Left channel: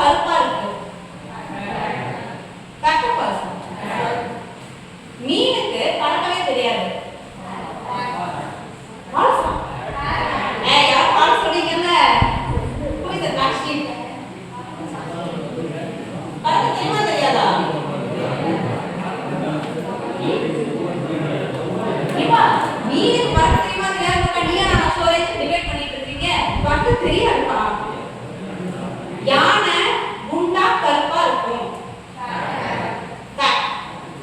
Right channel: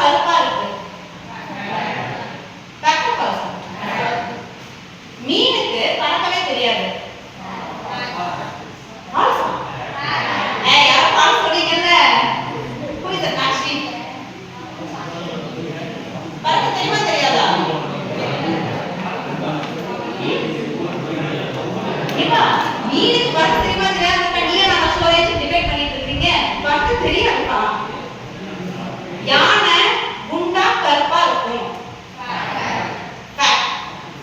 கருப்பா இருக்கு? கரெக்டா பாருங்க. மீனுக்கு பறக்கவே தெரியாது. பால்ஸ். யாரும் பால்ஸ் சொல்றீங்கல்ல? Who is the machine? பறக்க தெரியுமா தெரியாதா? ஏப்பா மீனுக்கு பறக்க தெரியுமா தெரியாதா? நீயா நான் சொல்றேன் டிபேட் பண்ணிட்டு இருக்கீங்க. பறக்க தெரியாதுப்பா. யானை குண்டா கருப்பா இருக்கும்.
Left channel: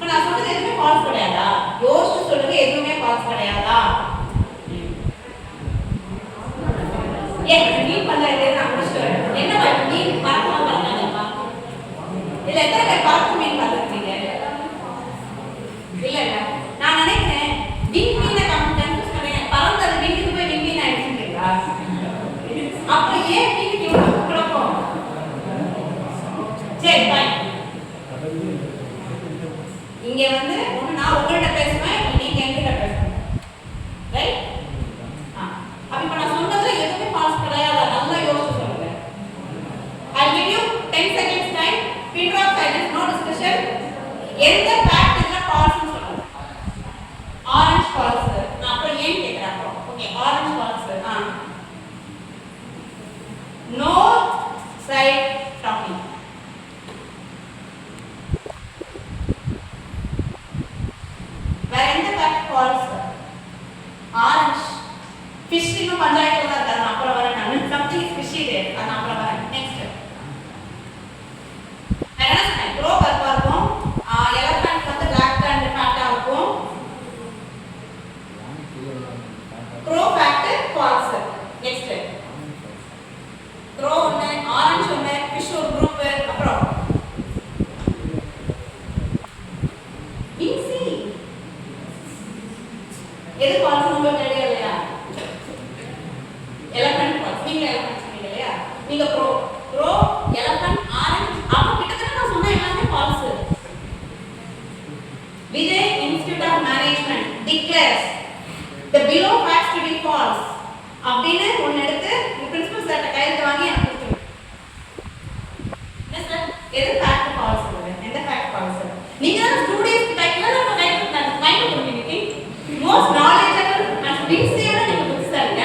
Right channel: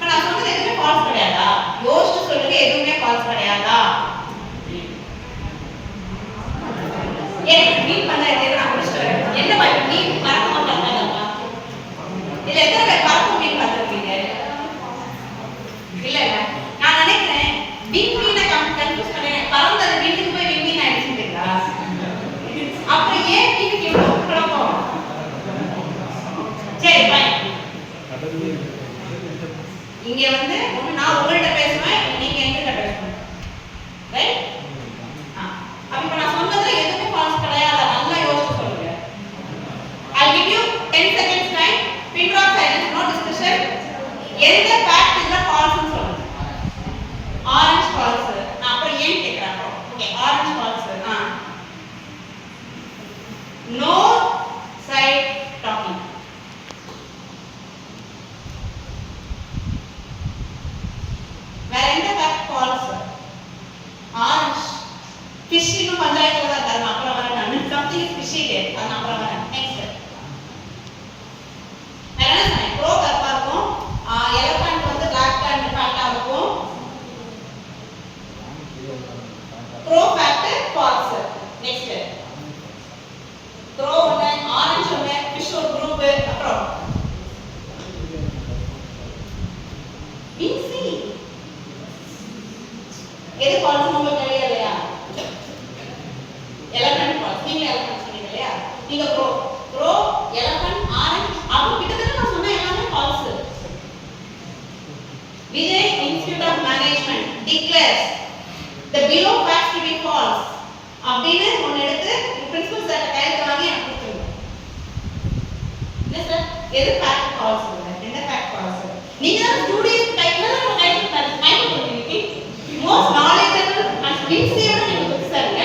நான் சொல்றது எதுவுமே ஃபால்ஸ் கிடையாதா? யோசிச்சு சொல்றது எதுவுமே ஃபால்ஸ் கிடையாதா? ஏன் மீன் பண்ண நான் முடிச்சுட்டு வரேன். என்ன பண்ண மீன் பறக்க மாட்டாங்கப்பா? இல்ல எத்தனை பேர் பறக்க மீன் பார்த்துருக்கீங்க? இல்ல நான் நினைக்கிறேன் விண்மீனை கன்ஃபியூஸ் பண்ணேன். பறந்தது வீட்டுக்கு போய் விண்மீன் ஆயிடுச்சுங்களா? அப்புறம் ஏன் மீனுக்கு இவ்வளவு கிடக்கும்? சரி பாய். இங்க வந்து ஒண்ணு நான் உங்கள்ட்ட பேசுவேன், நீங்க என்கிட்ட பேசணும். ரைட்? அப்ப இப்ப நான் சொன்னதுல எதுவுமே ஃபால்ஸ் கிடையாது. நல்லா யோசிச்சு சொல்லுங்க. I'll give you 10 seconds time. Pin drop silence, no discussion. எந்த ஃபேக்ட் இதுல ஃபால்ஸ்னு சொல்லுங்க. Orange false. நான் அப்புறம் ஏன் கேக்குறேன். Okay, orange false. No side talking. வேற எந்த ஃபேக்ட் ஃபால்ஸ்? ஆரஞ்சு ஃபிஷ் இன்னும் பஞ்சாயத்தோட இருக்காது. நான் அப்புறம் வரேன். நான் சம்திங் இஸ் ஃபிஷி தேர். அது நான் அப்புறம் வரேன். நெக்ஸ்ட் வேற என்ன சொன்னேன்? ப்ரோ கருப்பா இருக்கும். எலஃபண்ட் வந்து பிளாக் அண்ட் ஃபேட்டா இருக்கும். Bro fact false. Next bro ஒன்னு, ஆரஞ்சு ஒன்னு, ஃபிஷ் ஒரு குரூப். அப்புறம் பிசி எது ஃபால்ஸ் உங்களுக்கு ஐடியா இல்லையா? Elephant false. நீங்க எலஃபண்ட் சொன்னீங்க இல்லையா? நீங்க ப்ரோ ப்ரோ எலஃபண்ட் ஆரஞ்சு. அப்ப கிட்டத்தட்ட நான் சொன்ன எல்லாமே false. Vijay institute of management declares the below facts to be false அப்படின்னு ஒன்னு எடுத்து பிரின்சிபல் சார் கையில வாங்கி எனக்கு கொடுத்துருங்க. என்ன சார் எது ஃபேக்ட் ஃபால்ஸ்? எந்த ஃபேக்ட் ஃபால்ஸ்? நீங்க தான் ஸ்டூடண்ட்ஸ் டைப்ல நான் டைப் மைண்ட் பண்ணிட்டீங்க. மோஸ்ட் knowledgeable and sincere நீங்க புதுசாங்க.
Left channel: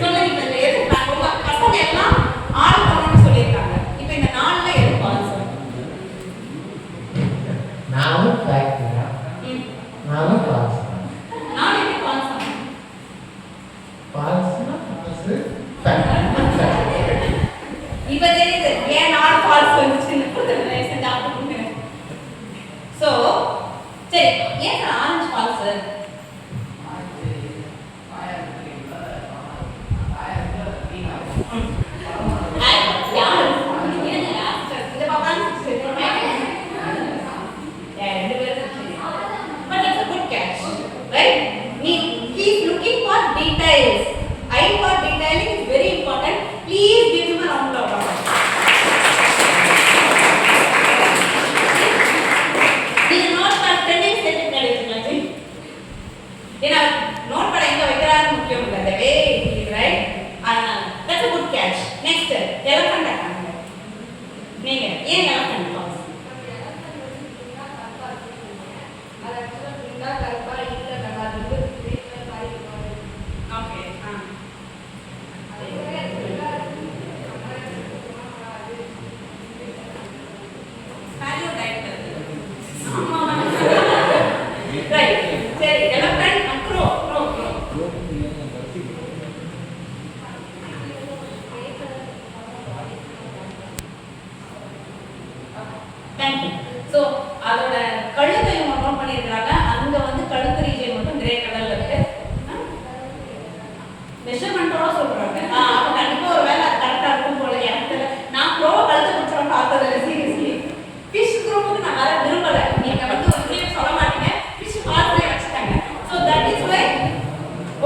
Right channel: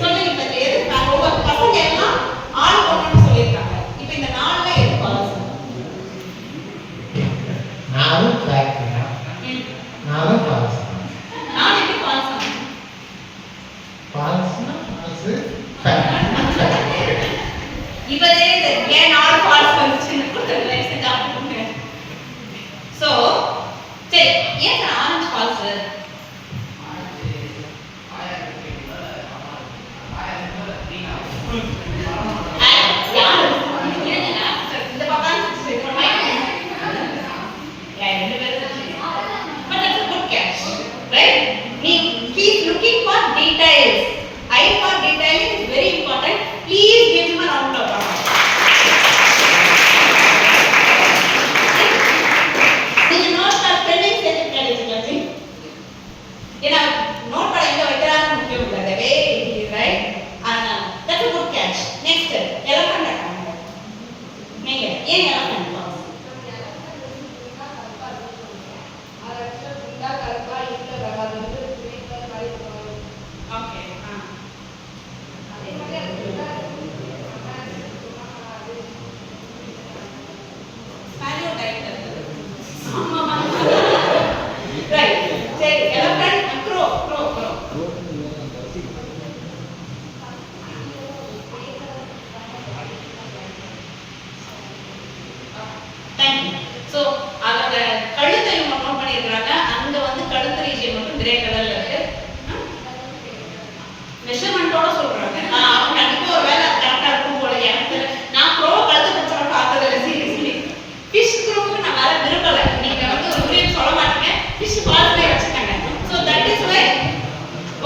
சொல்லுங்க இந்த எது பசங்க எல்லாம் ஆள் போகணும்னு சொல்லியிருக்காங்க. இப்போ இந்த நாள்ல எது ஃபால்ஸ்? நானும் ஃபேக்ட் நானும் ஃபால்ஸ். நான் எப்படி ஃபால்ஸ் ஆகும்? ஃபால்ஸ்னா ஃபால்ஸ் ஃபேக்ட். இப்போ தெரியுது ஏன் நாள் ஃபால்ஸ் வந்துச்சுன்னு புரியுது. லைக் செஞ்சு ஆப்புங்க. சோ சரி, ஏன் சார் ஆரஞ்சு ஃபால்ஸ்? மெஷர்மென்ட்டோட சொல்றாங்க. அப்ப கண்டிப்பா ஒரு வேளை கரெக்ட்டா இருக்கும் போல எனக்கு நான் ப்ரோ கழுத்து பிடிச்சற பார்த்தது இல்ல சீரியஸ்லி. ஃபிஷ் குரூப்புக்கு நான் வர விரும்பல. நீங்க வந்து ஒரு விஷயம் சொல்ல மாட்டீங்க. ஃபிஷ் பால்ஸ்ல வச்சிட்டாங்க. சோ தட் இஸ் வே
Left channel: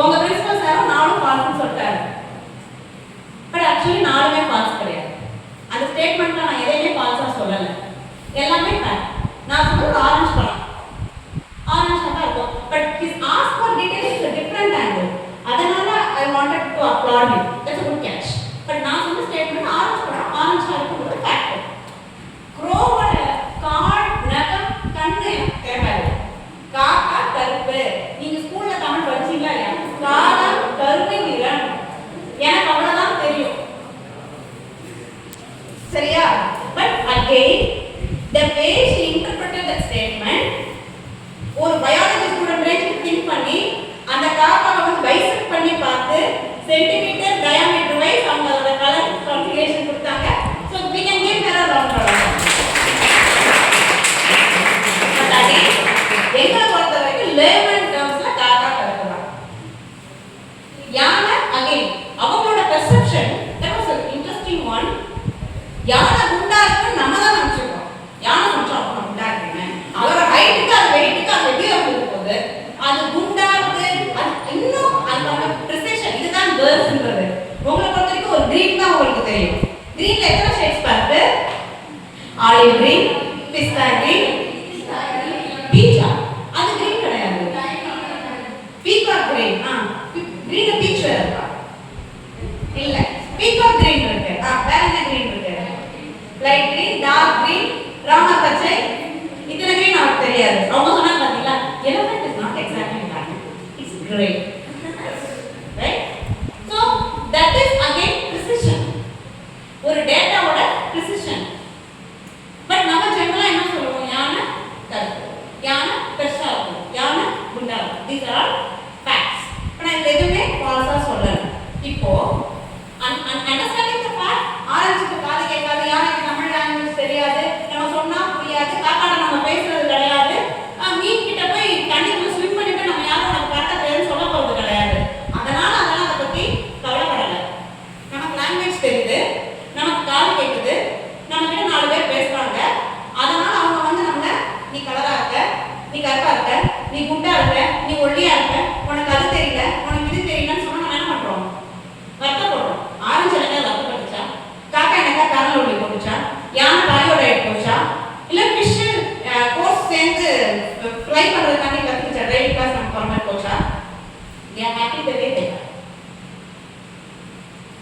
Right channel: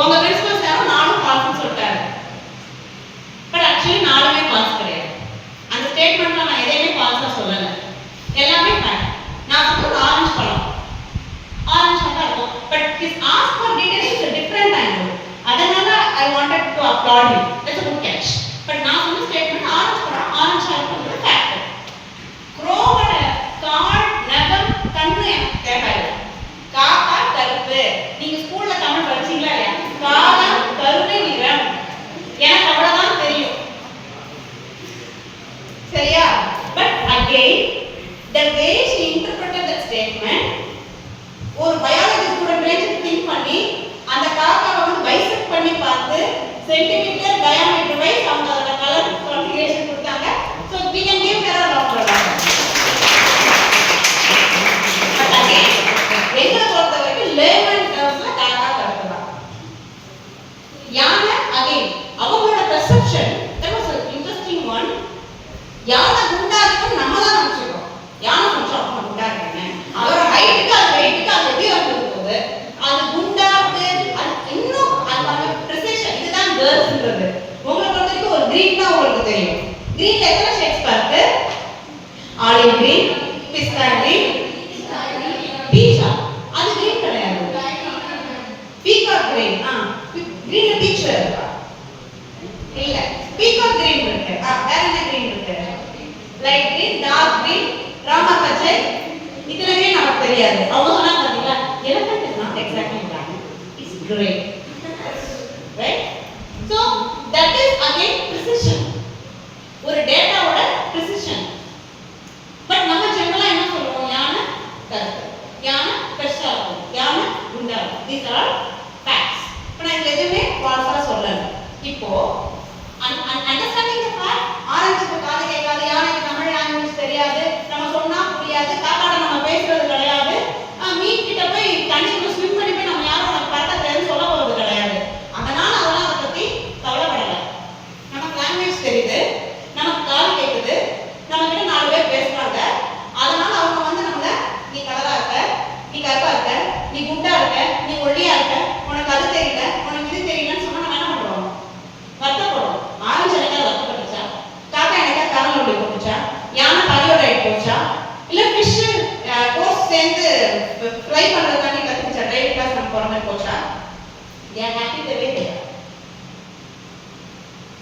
உங்க பிரின்சிபல் சார் நானும் பால்ஸ்னு சொல்லிட்டாரு. பட் एक्चुअली நாலுமே பால்ஸ் கிடையாது. அந்த ஸ்டேட்மென்ட்ல நான் எதையுமே பால்ஸா சொல்லல. எல்லாமே ஃபேக்ட். நான் சொல்றது ஆரஞ்சு பழம். ஆரஞ்சு மட்டும் இருக்கும். But his ask for details is a different angle. அதனால I wanted to applaud you. That's a good catch. But நான் சொன்ன ஸ்டேட்மென்ட் ஆரஞ்சு பழம் ஆரஞ்சு யானை குண்டா இருக்கும் நம்ம தான் நினைச்சிருக்கோம். யானை கொஞ்சம் அப்ப குண்டா இருக்கேன்னு அவரோட ஹைட்டுக்கு அது வெயிட்டுக்கு அது எப்படி வந்துருக்கு போது அது குண்டா இருக்கு. அது இன்னும் அதுக்கான ப்ரிசிஷன். இதுதான் கேர்ள்ஸ்ன்றது. உங்களை பொறுத்த வரைக்கும் ஒரு கிரீன் தான் உங்களுக்கு தெரியும். கிரீன்ல எத்தனை ஷேட்ஸ் பாருங்க? ஆலிவ் கிரீன், பிஸ்தா கிரீன், பீச்சா. அது கிரீன் கிடையாது. Peacock green. கிரீன்ல பீச் இருக்கா? இல்ல. பீகாக் கிரீன் இருக்கு. வேற என்ன கிரீன் இருக்கு? லைட் கிரீன், டார்க் கிரீன், ராமா பச்சை. இதெல்லாம் கிரீன் நமக்கு தெரியாது. அவங்க சொன்னாங்க பாத்தீங்களா? elephant is not exactly black. It's gray. Right? So that is again precision. ஒரு டேட்டாவோட precision. பட் நம்ம ஜெனரலா என்ன சொல்லுவோம்? யானை கருப்பு, யானை பெருசா இருக்கும், யானை குண்டா இருக்கும். These are all facts. ஆனா இது எதுவுமே ஃபால்ஸா சொல்லல. இப்போ அண்டர்ஸ்டாண்டிங் தி ஃபேக்ட், ஆரஞ்சுக்கு காது கேட்காது, யானைக்கு தமிழ் லாங்குவேஜ் தெரியாது, நம்ம சொன்னா புரியாது, காக்காட நம்ம பேசுறது கிடையாது, மீன் கிட்ட போய் தண்ணிக்குள்ள ஸ்விம் பண்ணி போய் நம்ம யாரும் நமக்கு பறக்க தெரியாதுன்னு சொல்ல போறது கிடையாது. அதனால அதெல்லாம் அதை பத்தி கவலைப்படல. நமக்கு லாங்குவேஜ் தெரியுது, நமக்கு காது கேட்குது, நம்ம கிட்ட 4 பேர் பேசுறாங்க. அதனால அவங்க வந்து நம்மள நீ கலரா இருக்க, நீ கருப்பா இருக்க, நீ குண்டா இருக்க, நீ ஒல்லியா இருக்க, உனக்கு அது தெரியல, உனக்கு இது தெரியலன்னு சொன்னா நம்ம என்ன பண்றோம்? வருத்தப்படுறோம். ஆரஞ்சு எனக்கு வருத்தப்பட்டுச்சா? காக்கா எனக்கு கரண்ட் ஒளி போட்டுச்சா? யானை பாலியோ டயட் போச்சா? இல்ல ஃபிஷ் கோர்ஸ் சேர்ந்து ஃப்ரை பண்றதுக்காண்டி கத்துக்கிச்சா? டைட் கிளாஸ் நம்ம போற மாதிரி போச்சா? they are happy the way they are.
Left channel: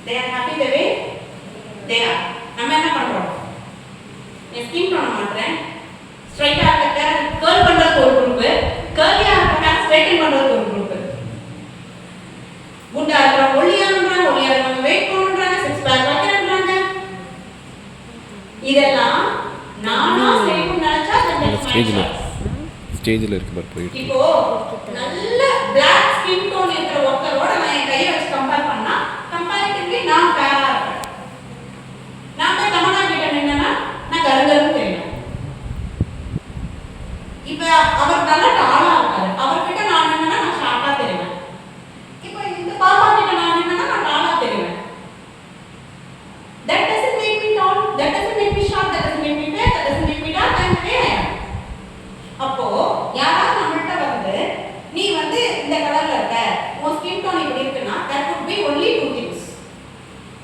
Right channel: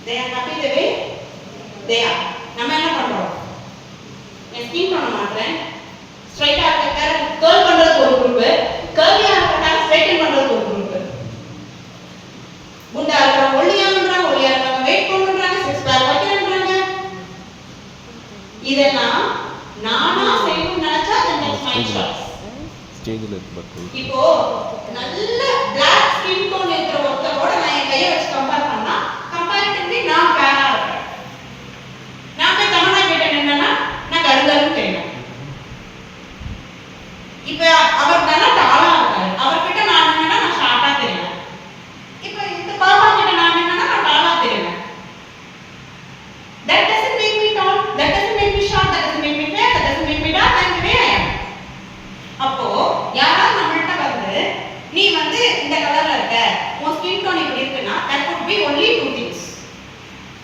they are happy the way they are. நம்ம என்ன பண்றோம்? நான் ஸ்கின் பண்ண மாட்டேன், ஸ்ட்ரைட்டா இருக்க கர்ல் பண்றதுக்கு ஒரு குரூப், கர்லியா இருக்க ஸ்ட்ரைட்டன் பண்றதுக்கு ஒரு குரூப், குண்டா இருக்கறவங்க ஒல்லியா பண்றாங்க, ஒல்லியா இருக்கறவங்க வெயிட் பண்றாங்க, சிக்ஸ் பேக் வைக்கறாங்க. இதெல்லாம் நானா செய்யணும்னு நினைச்சா ஸ்டேஜ்ல இருக்கு பட் போய் இப்போ நல்ல Black skin tone இருக்கிற ஒருத்தரோட நான் என் கையை வச்சு கம்பேர் பண்ணா கம்பேரிட்டிவ்லி நான் ஃபேரா இருக்கேன். நான் போய் கமலா கிட்ட நின்னா நான் கருங்கல்னு தெரியும். இப்போ அவர் நல்ல டாலா இருக்காரு, அவர்கிட்ட நான் நின்னா நான் ஷார்ட்டா தெரியும். இப்போ இந்த பாப்பா கிட்ட நான் நின்னா நான் டாலா தெரியும். That doesn't make me tall, that doesn't make me short, that doesn't make me fair, that doesn't make me dark, I'm the way I am. அப்போ யாராவது நம்மள்ட்ட வந்து நீ வந்து இந்த கலர்ல இருக்க, உன் ஸ்கின் டோன் இப்படி இருக்குன்னா that could be only 2 things.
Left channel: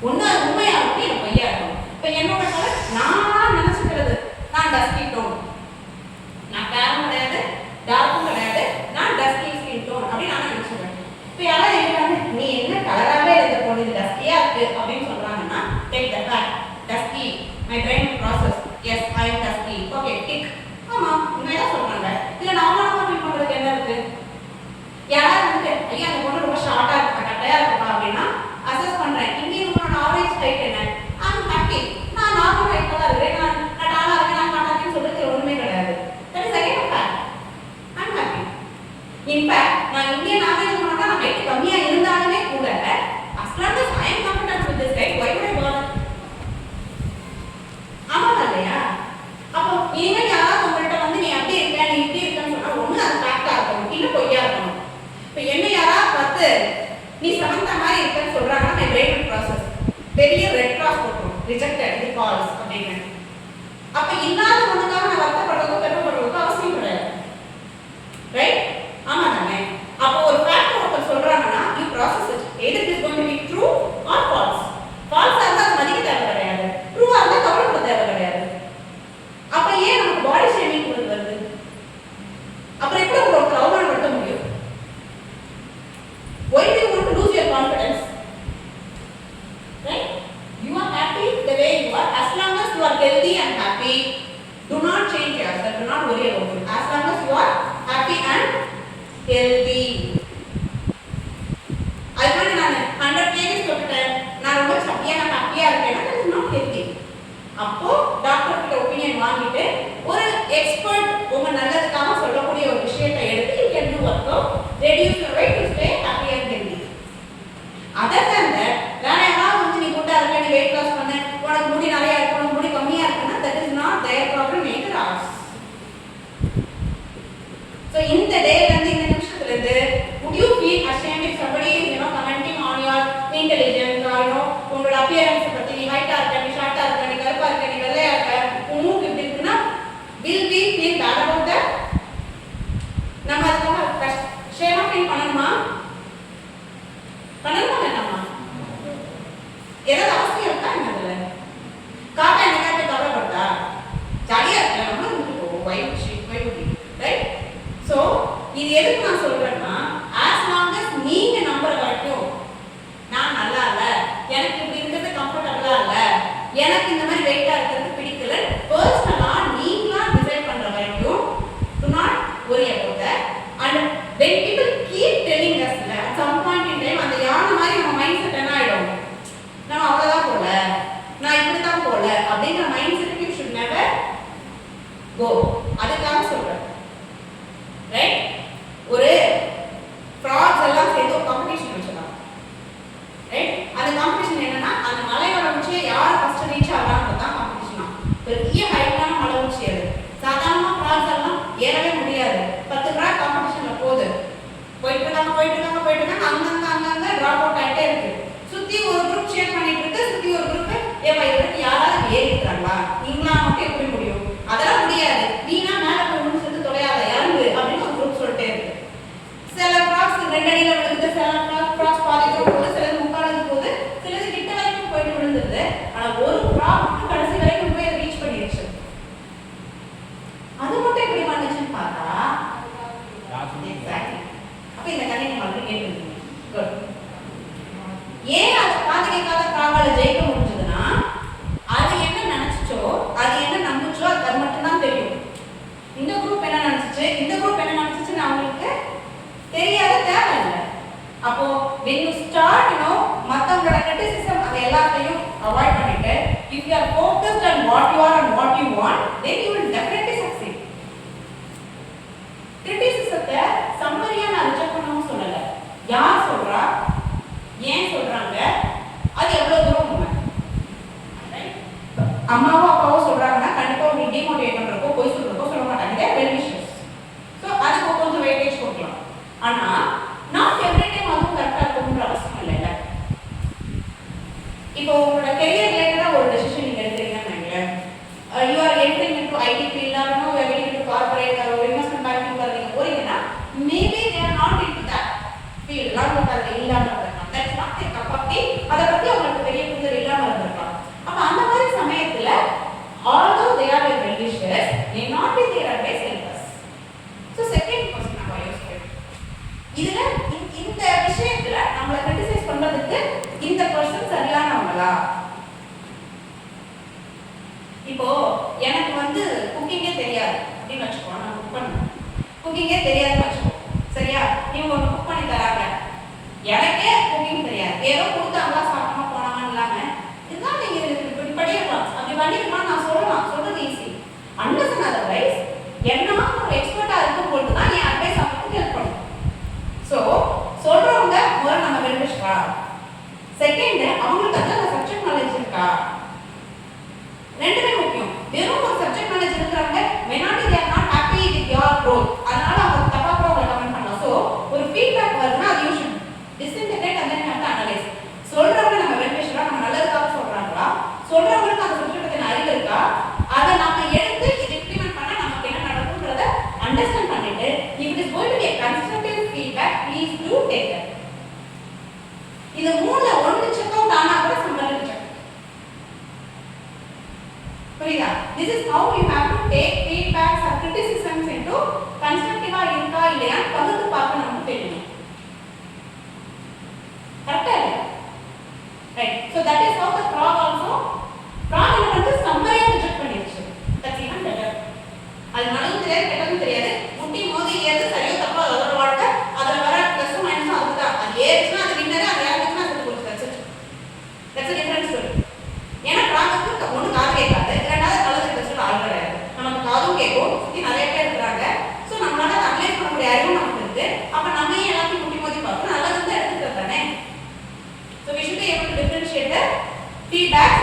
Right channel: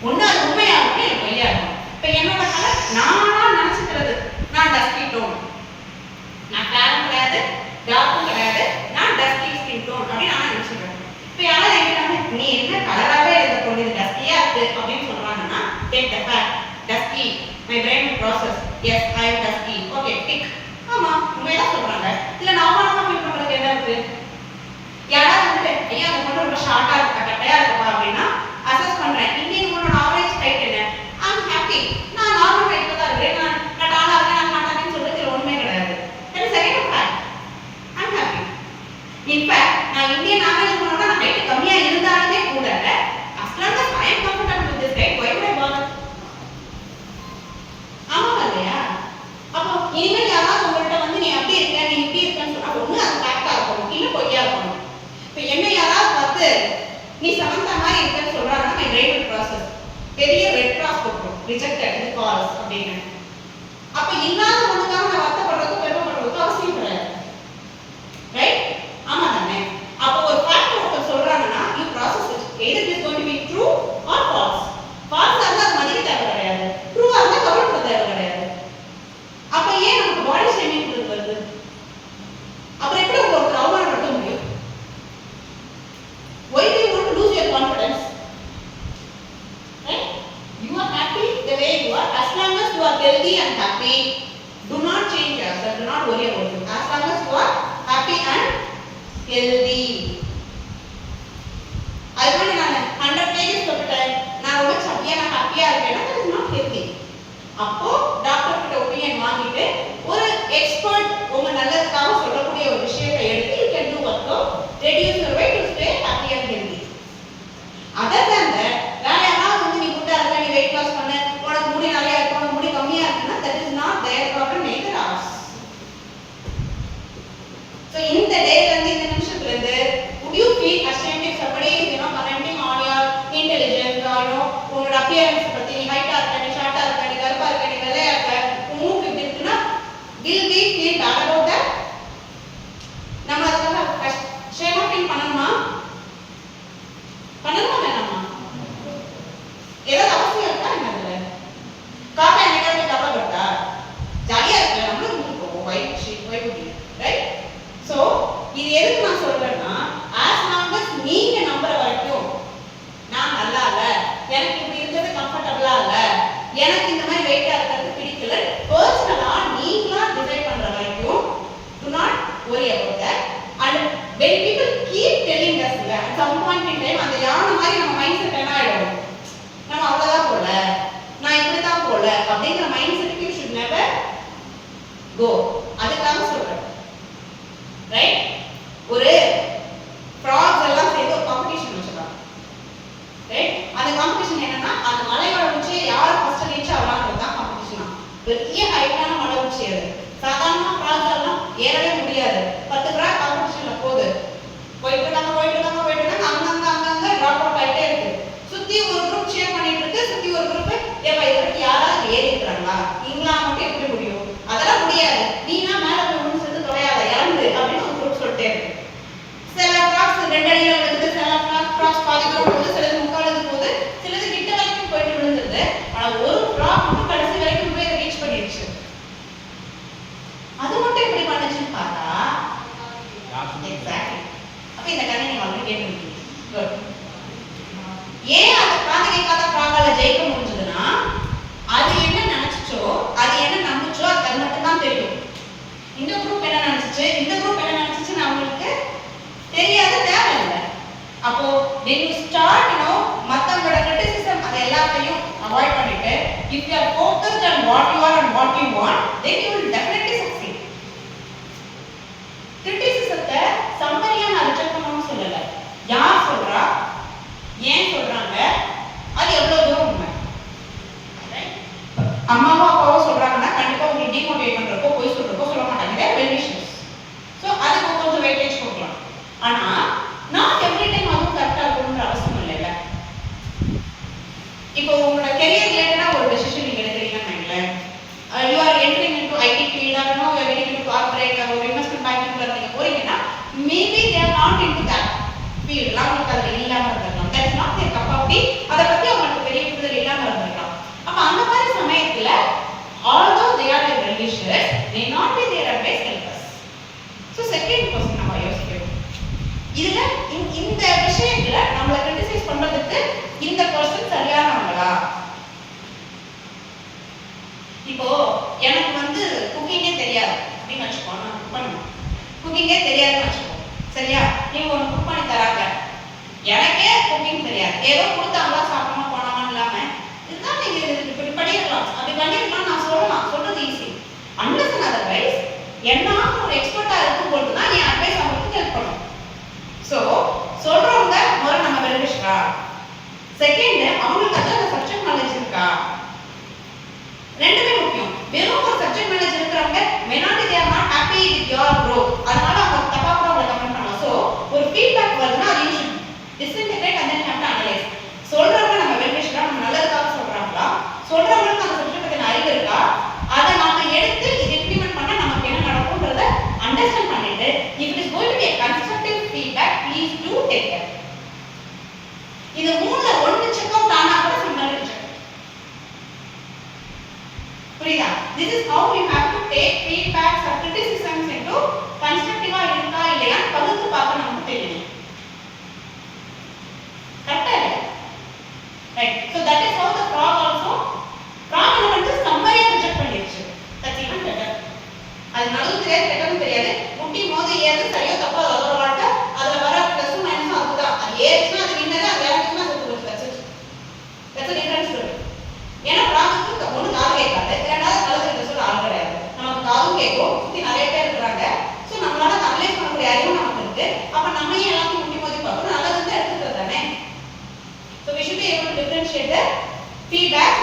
ஒண்ணு அது உண்மையா இருக்கும், இல்ல பொய்யா இருக்கும். இப்போ என்னோட கலர் நானா நினைச்சுக்கிறது, நான் டஸ்கி டோன், நான் ஃபேரும் கிடையாது, டார்க்கும் கிடையாது, நான் டஸ்கி ஸ்கின் டோன் அப்படி நான் நினைச்சுக்கிறேன். இப்போ யாராவது என்கிட்ட நீ என்ன கலராகவே இருக்க பொண்ணு டஸ்கியா இருக்கு அப்படின்னு சொல்றாங்கன்னா take the fact, dusky, my brain process, yes I am dusky, okay tick. ஆமா உண்மையா சொல்றாங்க. இல்ல நாம ஃபீல் பண்றதுக்கு என்ன இருக்கு? யாராவது வந்து ஐயா அந்த பொண்ணு ரொம்ப ஷார்ட்டா இருக்கா, கட்டையா இருக்கா அப்படின்னா அசஸ் பண்றேன். இன்னைக்கு உன்னோட ஆவரேஜ் ஹைட் என்ன? I'm happy. நான் நார்மல் ஹைட்ல தான் இருக்கேன், நான் டாலா இருக்கேன், நான் மாட்டானேன்னு சொல்றது ஒண்ணுமே கிடையாது. that is again a fact. I'm happy. In fact நான் இந்தியன் ஆகணும் போனா நான் ஹைட் கம்மியா இருந்தாலுமே கூட as long as I am comfortable with this height, why would I bother? ஆமா இல்லையா? அப்போ இனிமேல் யாராவது உங்கள்கிட்ட வந்து நீ அப்படி இருக்க, நீ இப்படி இருக்கன்னு சொன்னா ஒண்ணு அது ஃபேக்டா இருக்கணும், இல்ல பொய்யா இருக்கணும். இப்போ என்ன யாராவது பார்த்து நீ சமந்தா மாதிரி இருக்கன்னு சொல்றாங்கன்னா my brain will process, பெரிய ரெட் கிராஸ் போட்டுரும், ரிஜெக்டட், இது ஃபால்ஸ் அப்படின்னு. அப்ப இல்லாத ஒண்ணுக்காக நான் வருத்தப்படுறதுக்கும் பெருமைப்படுறதுக்கும் அவசியம் கிடையாது. ரைட்? ஆமா தானே? அப்போ ஒரு ஃபேக்ட் ஒருத்தர் சொல்றாங்கன்னா you process it, either it is going to be true or false. false இருந்தா அது மதிக்க தேவை கிடையாது, true இருந்தா கவலைப்பட தேவை கிடையாது. அப்ப ஏன் நமக்கு பாடி ஷேமிங் கொடுக்கிறது? அப்புறம் எப்படி உங்களுக்கு அவமானப்படுத்த முடியும்? Why do you want to lose your confidence? Right? You are happy the way you are. As long as you are healthy and happy, do not change yourself, do not worry about it. As long as you are happy and healthy. அதுக்கு நான் 100 kg தொட்டுட்டேன், நான் ரொம்ப ஹாப்பியா இருக்கேன், that is not healthy. அப்போ doctor கிட்ட opinion வாங்கிட்டு ஒரு எக்ஸ்பர்ட் உங்க நல்லதுக்காக சொல்லக்கூடிய ஒரு விஷயத்தை எடுத்து you can do what to reduce your weight to stay happy and healthy. Other than that, வேற யாராவது வந்து நீ குண்டா இருக்க, நீ weight loss பண்ண, உனக்கு முடி நிறைய இருக்கு, உனக்கு முடி கம்மியா இருக்குன்னா that is not their problem, neither ours. So இந்த டேல இருந்து இந்த நிமிஷத்துல இருந்து would you feel ashamed if somebody is commenting on your intelligence or உங்களோட appearance பத்தி, நீ ஹைட்டா இருக்க, நீ ஷார்ட்டா இருக்க, நீ கருப்பா இருக்க, எதுக்கு நான் சொல்றேன்னா as long as நீங்க நம்புற வரைக்கும் நான் நல்லா இல்ல, எனக்கு இப்படி இருக்கிறது கம்ஃபர்டபிளா இல்ல, எனக்கு இந்த மாதிரி வெயிட்டா இருக்கிறது பிடிக்கல, பர்சனலா நீங்களா டிசைட் பண்ற வரைக்கும் do not worry about that. And when people keep telling us at some point in time அந்த யானை மாதிரி நம்ம மைண்ட் செட் என்ன ஆயிடும், நம்ம அவ்வளவுதான் போல, நான் இப்படிதான் போல அப்படிங்கிற மைண்ட் செட்டுக்கு you should never go. அதுக்காக சொல்றேன். ரைட்? ஒரு ஃப்ராக்ஸ் எல்லாம் சேர்ந்து ஒரு காம்படிஷன் வச்சிருக்காங்க. ரைட்? அந்த காம்படிஷன் என்னன்னா அந்த மலையோட உச்சியை யார் ஃபர்ஸ்ட் ரீச் ஆகலாம்ன்றது தான் காம்படிஷனா. பெரிய ஹைட்டான மலை உச்சி அது. சாதாரண ஃப்ராக்ஸ் எல்லாம் ஏறவே முடியாது. 10 ஃப்ராக் காம்படிஷன்ல போயிட்டு இருக்காங்க அங்கங்க டிராப் அவுட் ஆயிட்டே இருக்கு. சுத்தி ஒரு குரூப் ஷேர் பண்ணிட்டு இருக்கு, சுத்தி ஒரு குரூப் ஏப்பா இதுக்கு யாராவது ஏறி இருக்காங்களா, நீங்களா மட்டும் எப்படி முடியும், அதெல்லாம் முடியாது, நீனா மேல போய் ஒண்ணு சேர்ந்து தொலையாத இறந்து அப்படின்னு ஒரு குரூப் சொல்லிட்டே இருக்கு. சில ஃப்ராக்ஸ் 2 அடியில விழுந்து, சில ஃப்ராக்ஸ் பாதி தூரம் போகுது, சிலது முக்காலுக்கு போகுது, சிலது கிட்ட வரைக்கும் போயிட்டு விழுந்துருது. ஆனா ஒரு ஃப்ராக் மட்டும் கடைசி வரைக்கும் போய் ரீச் பண்ணிடுச்சு. அது மட்டும் எப்படி பண்ணுச்சுன்னு பார்த்தா எக்ஸாக்ட்லி. அப்ப இந்த கதை நீங்க வந்து கேட்டுருக்கீங்க. ஏன் அந்த காதலிக்காத ஃப்ராகால ஜெயிக்க முடிஞ்சதுன்னா அது என்ன நினைச்சுச்சோ, அது என்ன நம்புச்சோ அது மட்டும் தான் தெரியும். இந்த குரூப் என்ன நினைச்சுச்சு, இந்த குரூப் என்ன நினைச்சுச்சுன்னு அவங்களுக்கு தெரியாத தேவையில்லை. அப்போ when you start மத்தவங்களோட criticism அது எல்லாத்தையும் அவாய்ட் பண்ணிட்டு if you are focused on what you are and what you want, then you will definitely succeed. கிரிட்டிசிசத்தை சம்மரியா நான் ரிஜெக்ட் பண்ணணும்னு சொல்லல. யார் சொல்றா, ஏன் சொல்றாங்க, அது எவ்வளவு தூரம் உண்மை. அம்மாவோ அப்பாவோ சொல்றாங்கன்னா கண்டிப்பா உங்களுக்கு டிமோட்டிவேட் பண்றப்போ போய் சொல்றப்போ சொல்ல மாட்டாங்க, வெல் விஷஸ். ஸோ அதுக்கு கொஞ்சம் வெயிட்டேஜ் கொடுக்கலாம். ஆனா நாட் எவ்ரி டைம் அதுவும் கரெக்டா இருக்கணும்ன்ற அவசியம் இல்லைல்ல. இப்போ உங்களோட கெரியர் ரிலேட்டடா ஒரு டெசிஷன் நீங்க எடுக்கிறீங்கன்னு வைங்களேன், you are entering into IT field or no you are getting into corporate or ஒரு இன்வெஸ்ட்மெண்ட் பேங்கிங்ல நீங்க போறீங்கன்னா maybe they are not into that field, அவங்களுக்கு அது இல்லாம இருக்கலாம். That's not their cup of tea. அதை பத்தி அவங்களுக்கு பெரிய புரிதல் இல்லாம இருந்திருக்கலாம். அப்ப அந்த மாதிரி சமயத்துல although they are like religious, may not be their advice helpers. So second question நம்ம யோசிக்கணும். இதுல இந்த விஷயத்துல நம்மள கிரிட்டிசைஸ் பண்றதுக்கு இந்த பர்சன் சரியானவங்களா? இப்போ எனக்கு வந்து குக்கிங்கே தெரியாது அப்படின்னு வச்சுக்கோ, நான் குக் பண்ணுவேன், குக்கிங்கே தெரியாதுன்னு வச்சுக்கோ, சரியா? நீங்க ஒன்று குக் பண்ணி தராங்க, எனக்கே குக்கிங் தெரியாது, ஏதோ கொடுத்தாங்களா சாப்பிடாம போனாங்கன்னு இல்லாம இதுதான் நீங்க இப்படி பண்ணிடலாம் அப்படி பண்ணிடலாம் நான் சொல்லலாம், சொல்றது ஈஸி. அன்லெஸ் அண்ட் அதர்வைஸ் என்ன ஒரு எக்ஸ்பர்ட்டா இருக்கும் போது தான் என் அட்வைஸ் அவங்களுக்கு ஹெல்ப் பண்ணும். ஸோ சொல்றவங்க முதல்ல நம்ம வெல்விஷரா, செகண்ட் அவங்களுக்கு அந்த சப்ஜெக்ட் நாலேஜ் இருக்கா, ரெண்டுமே முக்கியம். வெறும் ஒரு சப்ஜெக்ட் நாலேஜ் இருக்கிறவங்க மெனாட்டி they are not happy with your growth, அதனால அவங்க தப்பா கூட அவங்க கமெண்ட் பண்ணலாம். ஸோ ஒரு ஃபீட்பேக் வருதுன்னா அது you should disintegrate and then have to analyse. சொல்றவங்க நம்ம வெல்விஷரா, நம்ம நல்லதுக்காக சொல்றாங்களா, சொல்றவங்களுக்கு அந்த சப்ஜெக்ட் பத்தின அறிவு இருக்கா, அதை நாம எடுத்து இதை இம்ப்ளிமெண்ட் பண்ண நமக்கு என்ன நடக்கும்ன்றத அண்டர்ஸ்டாண்ட் பண்ணிட்டு if it is going to be a constructive feedback, please do take that. இது மூணுல ஒன்று செக் அவுட் ஆனா கூட சம்பளம் செக். புரியுதா? This is how you have to take feedbacks or criticisms into constructive-ஆ இருக்கா இல்லையா பகுத்து பார்க்க நமக்கு தெரியணும். கரெக்டா இல்லையா? Right. So that is how the frog also frog என்ன வந்து சம்மரியா ரிஜெக்ட் பண்ணிடுச்சு. That's even better. அது நல்லதும் தெரியாது கெட்டதும் தெரியாது, முட்டி மோதி ஏறது சரியோ தப்போ அதோட வாழ்க்கை, அதுல வர பிளஸ் மைனஸ் அதுதான். அது ஏறிச்சுன்னா அது வின்னரு, அது ஏறிச்சுன்னா அது உங்களுக்கு கச்சிச்சு. That's a different story. ஏன்னா ஃப்ராகுக்கு ஒன்று காது கேட்காது, இரண்டாவது நல்லது ரிசல்ட் ஆள் கிடையாது, நமக்கு காதும் கேட்கும், சுற்றி நிறைய பேர் இருக்கிறாங்க. ஸோ நம்மளால அனலைஸ் பண்ணக்கூடிய அறிவும் நமக்கு இருக்கு. அப்ப நம்ம எல்லாத்தையும் முட்டி மோதி பார்க்கணும், நல்லது வந்து எடுத்துக்கிறது தானே. So we should be able to differentiate the feedback